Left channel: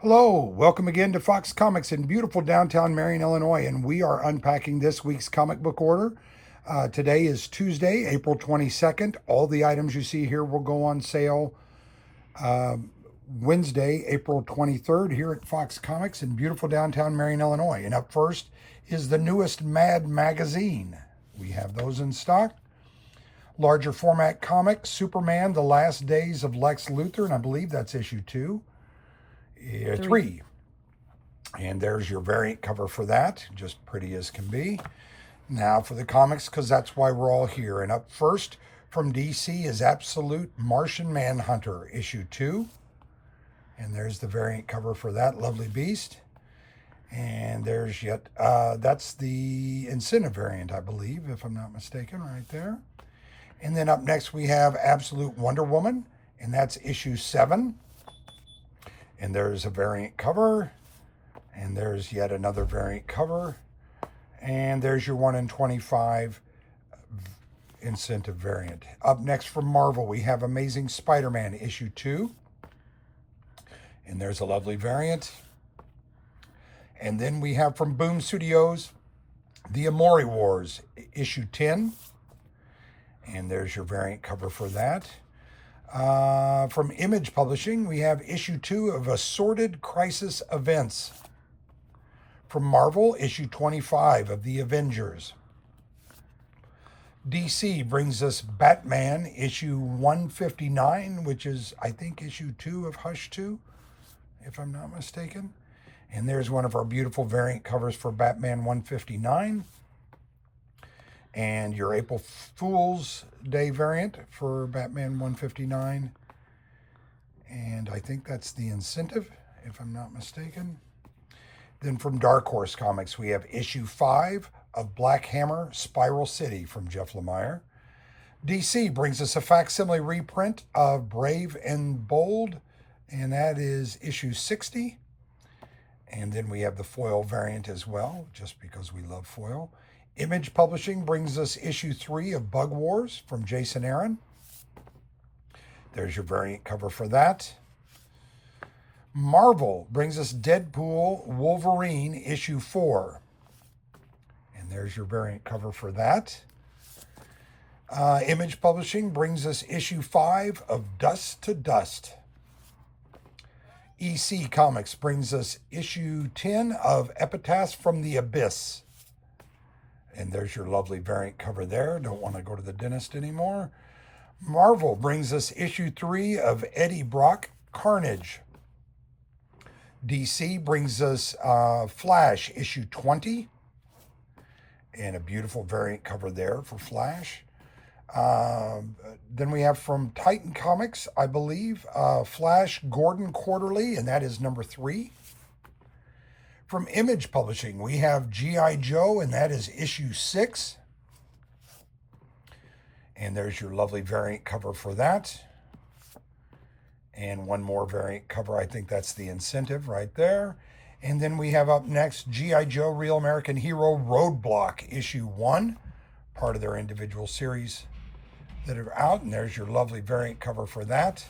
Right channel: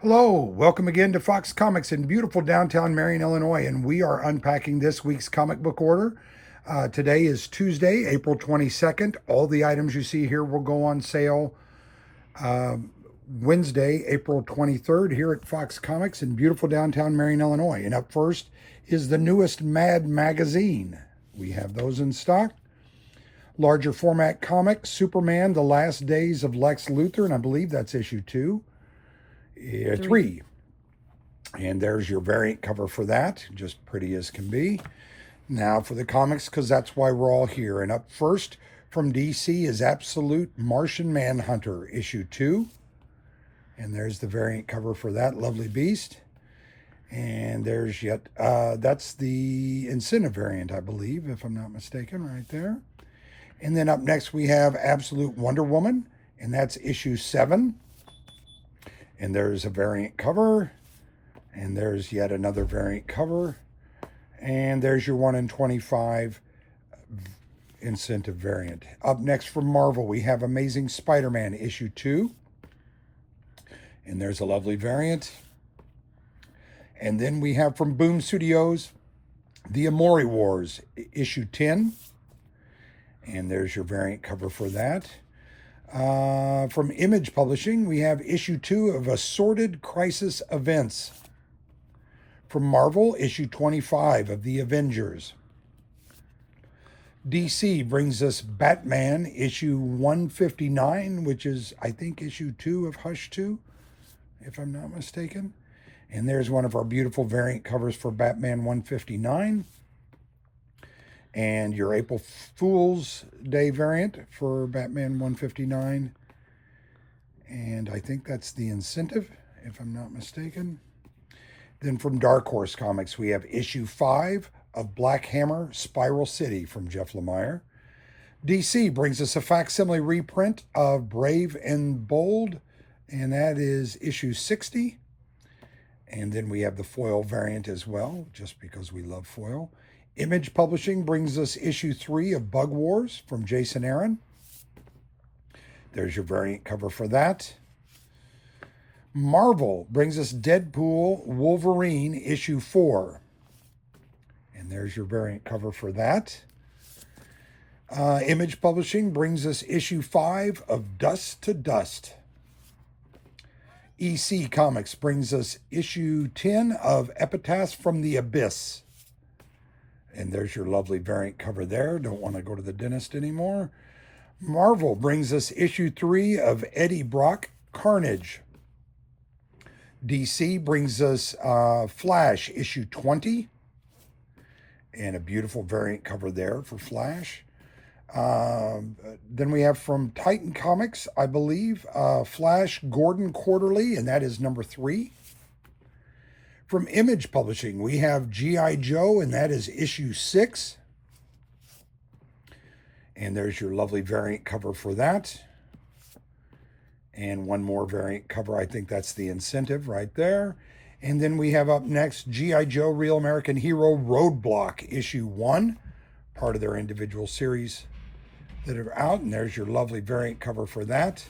Hello, welcome again to Fox Comics in beautiful downtown Marion, Illinois, and we are unpacking this week's comic book order. Today is Tuesday, April 22nd. All the items you see here will go on sale Wednesday, April 23rd, here at Fox Comics in beautiful downtown Marion, Illinois. And up first is the newest Mad magazine. We have those in stock. Larger format comic, Superman, The Last Days of Lex Luthor, and I believe that's issue 2. Three. And there's your variant cover for that, just pretty as can be. Now for the comics, because that's why we're all here. And up first from DC is Absolute Martian Manhunter, issue 2. And there's the variant cover for that lovely beast. And there's that's the incentive variant, I believe, if I'm not mistaken, right there. And then up next we have Absolute Wonder Woman, and that's issue 7. And there's a variant cover, and there's yet another variant cover, and there's your 1 in 25 incentive variant. Up next from Marvel, we have Amazing Spider-Man issue 2, and there's a lovely variant. And then we have from Boom Studios, The Amori Wars issue 10, and there's your variant cover for that. From Image Publishing, we have issue 2 of Assorted Crisis Events. From Marvel, issue 25 of The Avengers. DC brings us Batman, issue 159, which is, I think, issue 2 of Hush 2, if I'm not mistaken. And there's one of our beautiful variant covers for Batman 159. And your April Fool's Day variant for Batman 159. And I think that's the incentive, if I'm not mistaken. Then from Dark Horse Comics, we have issue 5 of Black Hammer Spiral City from Jeff Lemire. DC brings us a facsimile reprint of Brave and Bold, and that is issue 60. And then we have the foil variant as well, just because we love foil. Image Publishing brings us issue 3 of Bug Wars from Jason Aaron. There's your variant cover for that. Marvel brings us Deadpool Wolverine issue 4. And there's your variant cover for that. Image Publishing brings us issue 5 of Dust to Dust. EC Comics brings us issue 10 of Epitaphs from the Abyss. And there's your lovely variant cover there. Don't want to go to the dentist anymore. Marvel brings us issue 3 of Eddie Brock Carnage. DC brings us Flash issue 20. And a beautiful variant cover there for Flash. Then we have from Titan Comics, I believe, Flash Gordon Quarterly, and that is number 3. From Image Publishing, we have G.I. Joe, and that is issue 6. And there's your lovely variant cover for that. And one more variant cover. I think that's the incentive right there. And then we have up next G.I. Joe Real American Hero Roadblock, issue 1, part of their individual series that are out. And there's your lovely variant cover for that.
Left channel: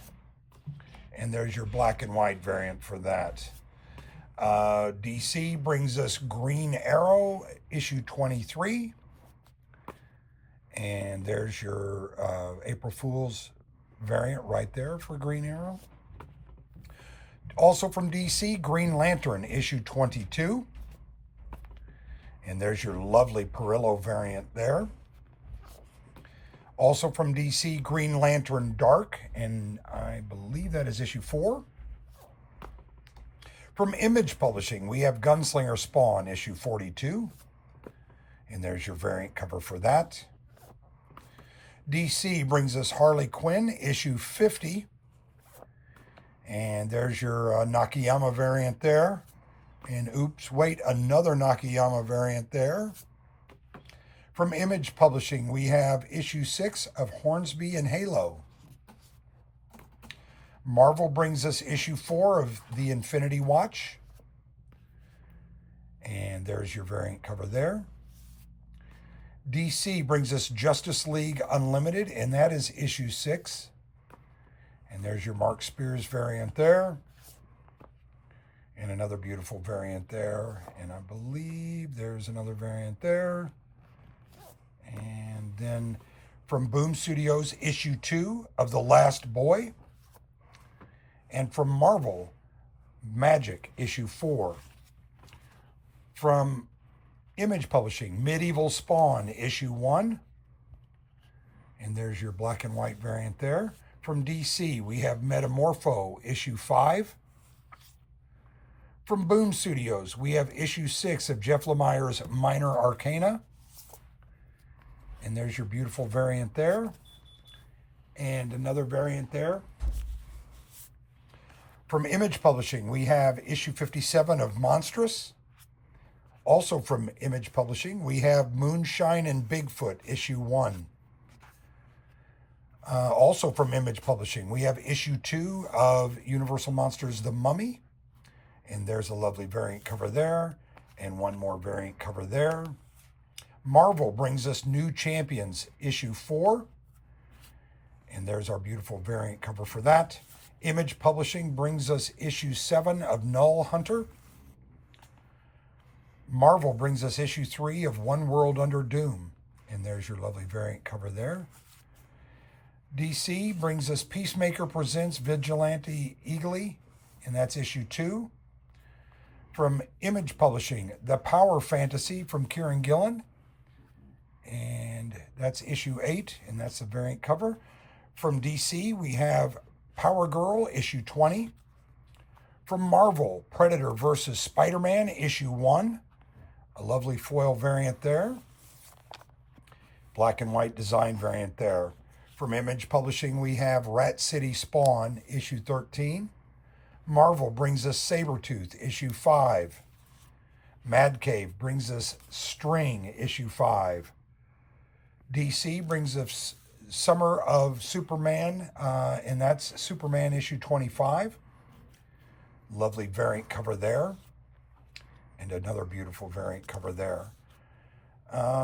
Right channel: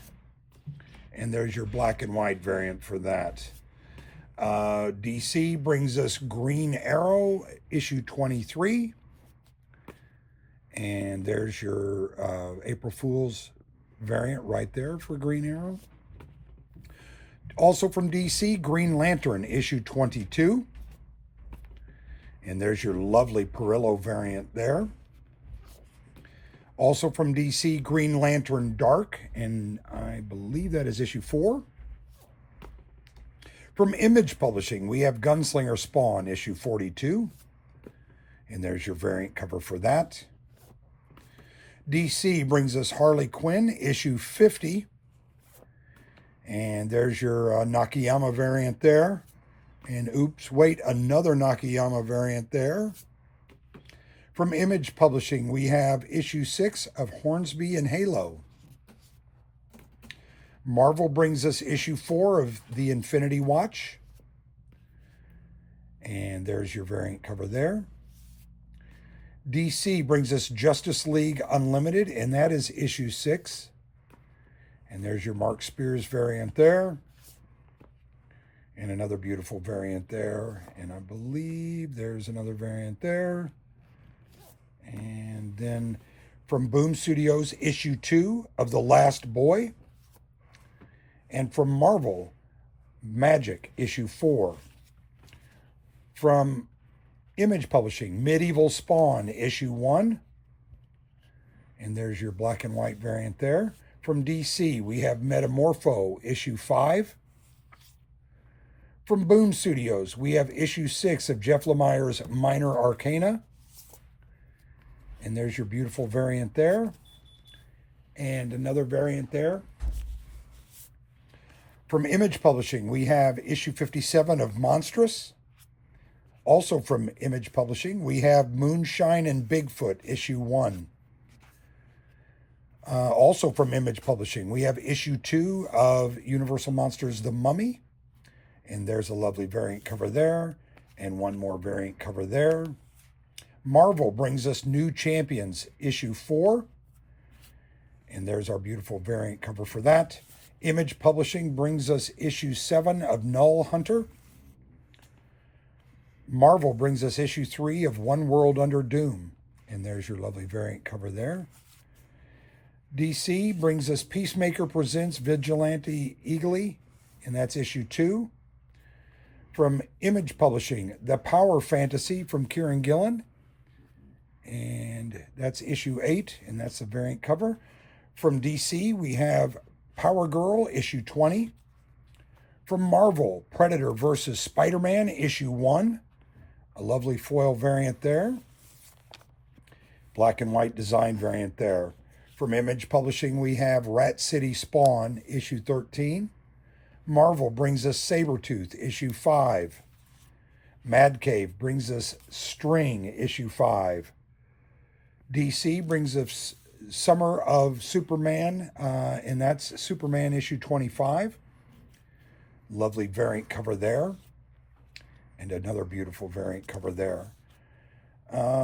And there's your black and white variant for that. DC brings us Green Arrow, issue 23. And there's your April Fool's variant right there for Green Arrow. Also from DC, Green Lantern, issue 22. And there's your lovely Perillo variant there. Also from DC, Green Lantern Dark, and I believe that is issue 4. From Image Publishing, we have Gunslinger Spawn, issue 42. And there's your variant cover for that. DC brings us Harley Quinn, issue 50. And there's your Nakayama variant there. And oops, wait, another Nakayama variant there. From Image Publishing, we have issue 6 of Hornsby and Halo. Marvel brings us issue 4 of The Infinity Watch. And there's your variant cover there. DC brings us Justice League Unlimited, and that is issue 6. And there's your Mark Spears variant there. And another beautiful variant there. And I believe there's another variant there. And then from Boom Studios, issue 2 of The Last Boy. And from Marvel, Magic, issue 4. From Image Publishing, Medieval Spawn, issue 1. And there's your black and white variant there. From DC, we have Metamorpho, issue 5. From Boom Studios, we have issue 6 of Jeff Lemire's Minor Arcana. And there's your beautiful variant there. And another variant there. From Image Publishing, we have issue 57 of Monstrous. Also from Image Publishing, we have Moonshine and Bigfoot, issue 1. Also from Image Publishing, we have issue 2 of Universal Monsters The Mummy. And there's a lovely variant cover there. And one more variant cover there. Marvel brings us New Champions, issue 4. And there's our beautiful variant cover for that. Image Publishing brings us issue 7 of Null Hunter. Marvel brings us issue 3 of One World Under Doom. And there's your lovely variant cover there. DC brings us Peacemaker Presents Vigilante Eagly, and that's issue 2. From Image Publishing, The Power Fantasy from Kieran Gillen, and that's issue 8, and that's the variant cover. From DC, we have Power Girl, issue 20. From Marvel, Predator versus Spider-Man, issue 1. A lovely foil variant there. Black and white design variant there. From Image Publishing, we have Rat City Spawn, issue 13. Marvel brings us Sabretooth, issue 5. Mad Cave brings us String, issue 5. DC brings us Summer of Superman, and that's Superman issue 25. Lovely variant cover there. And another beautiful variant cover there.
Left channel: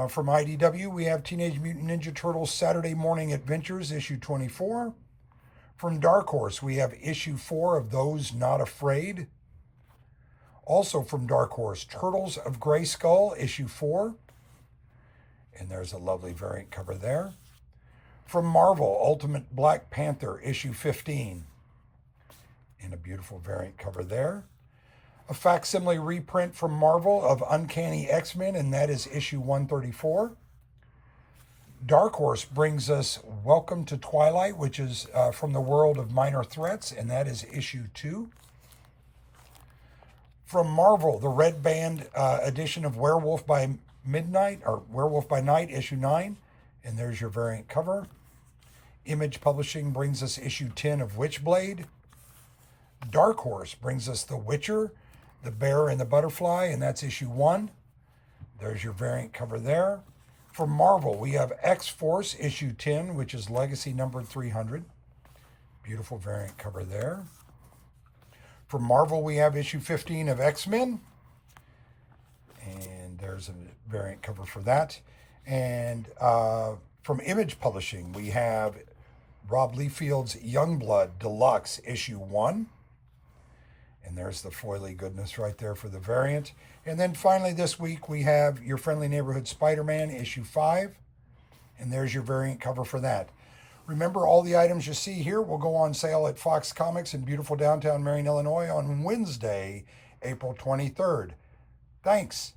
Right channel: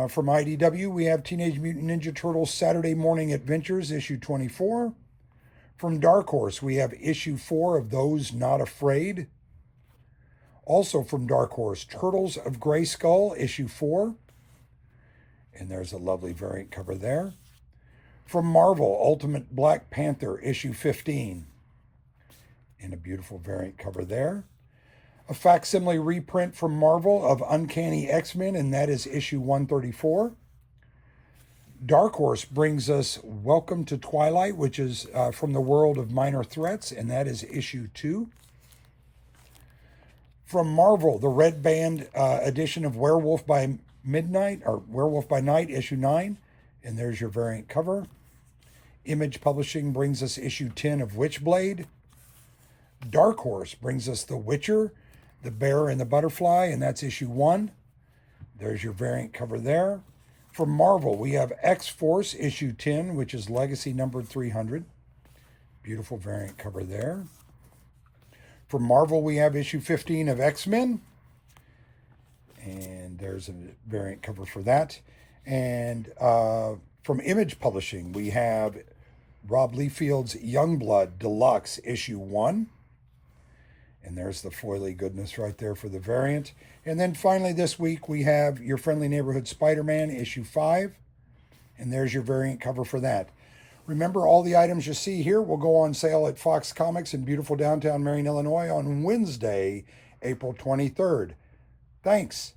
From IDW, we have Teenage Mutant Ninja Turtles Saturday Morning Adventures, issue 24. From Dark Horse, we have issue 4 of Those Not Afraid. Also from Dark Horse, Turtles of Grayskull, issue 4. And there's a lovely variant cover there. From Marvel, Ultimate Black Panther, issue 15. And a beautiful variant cover there. A facsimile reprint from Marvel of Uncanny X-Men, and that is issue 134. Dark Horse brings us Welcome to Twilight, which is from the world of Minor Threats, and that is issue 2. From Marvel, the Red Band edition of Werewolf by Midnight, or Werewolf by Night, issue 9, and there's your variant cover. Image Publishing brings us issue 10 of Witchblade. Dark Horse brings us The Witcher, The Bear and the Butterfly, and that's issue 1. There's your variant cover there. From Marvel, we have X-Force issue 10, which is Legacy numbered 300. Beautiful variant cover there. From Marvel, we have issue 15 of X-Men. And there's a variant cover for that. And from Image Publishing, we have Rob Liefeld's Youngblood Deluxe issue 1. And there's the foily goodness right there for the variant. And then finally this week we have Your Friendly Neighborhood Spider-Man issue 5. And there's your variant cover for that. Remember, all the items you see here will go on sale at Fox Comics in beautiful downtown Marion, Illinois on Wednesday, April 23rd. Thanks.